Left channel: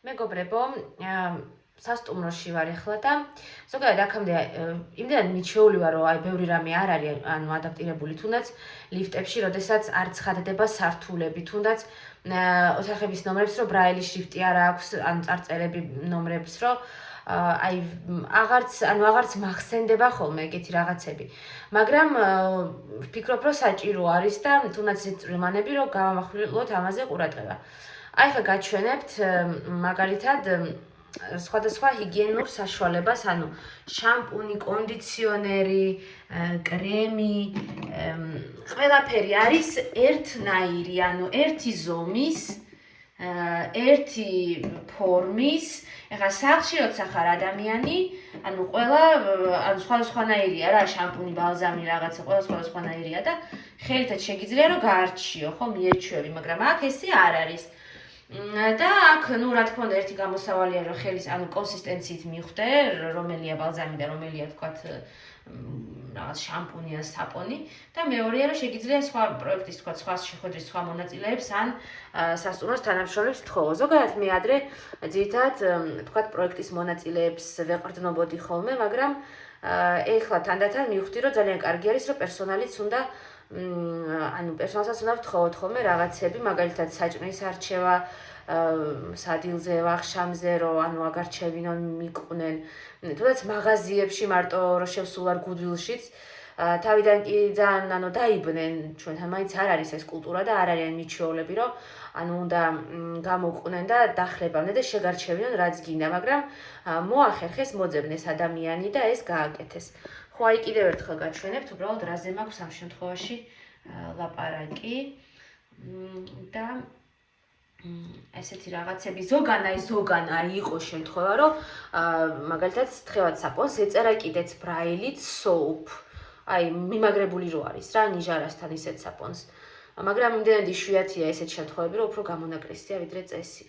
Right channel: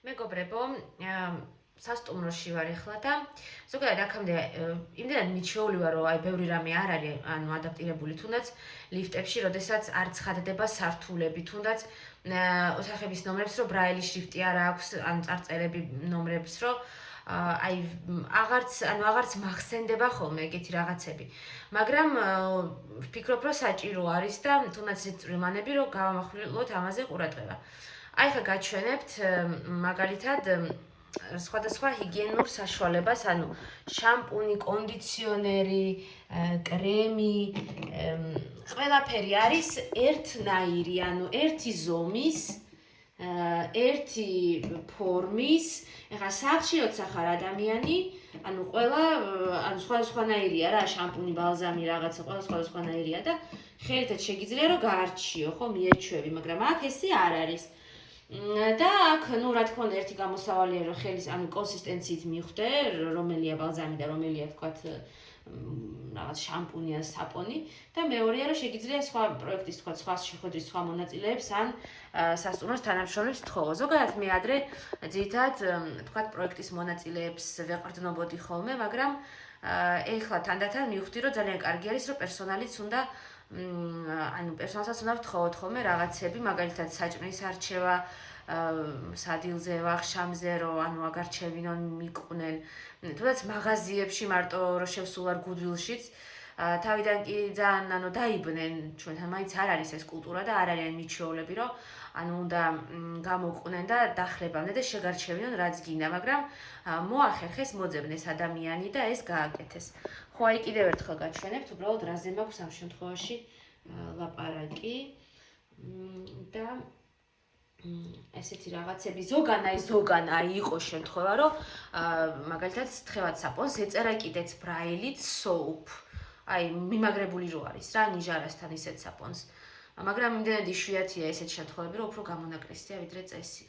მეგობრებო, სასტუმროში ვარ ახლა და ზოგადად აქამდე იმდენად მიჩვეული ვარ, რომ ბევრი რამე არ არის, ანუ ადაპტირებული თუნდაც ლიფტებში, როდესაც არ ცხადდება სართულები, თუნდაც ოთახების ნომრებს, რომ ბრაილი შრიფტი არ აქვს, ანუ წარწერები ნომრებს, რომ აღარც მახსენდება ხოლმე ეგეთი რაღაცები. მაგრამ ვფიქრობ, რომ საჭირო არის და თუნდაც ეს წვრილმანები, რომ გავამახვილოთ ამაზე ყურადღება. აი ხა გაჩვენებთ მაგალითად სხვადასხვა ჰიგიენურ საშუალებას, ანუ შამპუნი, კონდიციონერი, კრემი, ყველაფერი არის ერთნაირი, ანუ ერთი ზომის, ერთი ფორმის. ეხლა სახლში როცა ხარ ადამიანი, ანუ ყველა სხვადასხვანაირია რა, შამპუნი, ბალზამი, რაღაცა, ყველა სხვადასხვანაირია და ხელითაც შეგიძლია რომ გაარჩიო, ხო, მიეჩვევი, მაგრამ აქ ესე არ არის. და აქ, რა თქმა უნდა, ერთი გამოსავალია, რომ ხელის, ანუ კონსისტენციით მიხვდე, რომელია ბალზამი და რომელია, თქვათ, რაღაც შამპუნი ან საპონი და მეორეა, რომ შეგიძლია სხვა პროექტის, თქვათ, სხვა შეხვედრის სხვა მონაწილეებს ან სასტუმროს თანამშრომლებს თხოვო. ზოგადად მე ადრე ძირითადად, თქვათ, პროექტის მონაწილეებს ვეყრდნობოდი ხოლმე, მაგრამ ეხლა თანდათან მივხვდი, რომ ძალიან კარგი არის, რომ პერსონალიც უნდა პერსონალსაც უნდა ვთხოვოთ ხოლმე რაღაცები, მაგალითად საჭმლის არჩევა, სადილზე, ვახშამზე, რომ აგარჩევინონ, მიყვნენ. თუნდაც მაღაზიებში მარტო რომ შევსულ ვარ გუდვილშიც, თავიდან კი ძალიან დაიბნენ, ჩვენთან მაინც არ არის ეს კულტურა და არ არიან მიჩვეულები, რომ უნდა გამოყვნენ და დახლებამდე და შეგარჩევინონ რაც გინდა, მაგრამ მოახერხეს მოძებნეს ადამიანი და ეს გააკეთეს. ხო, აი კიდევ ერთხელ გაჩვენებთ, უბრალოდ რაზე მაქვს ამ შემთხვევაში ლაპარაკი და ესეთი რაღაცები ზოგან არ იყოს შემთხვევა, რომ მაგალითად თხევად საპონს ეწერა კიდეც ბრაილით soap. აი, მიმაგრებული რო არის რა, ნიჟარასთან ისეთ საპონს. მაგრამ იმდენად იშვიათია ესეთ შემთხვევები, რომ უფრო გამონაკლისია ვიდრე წესი.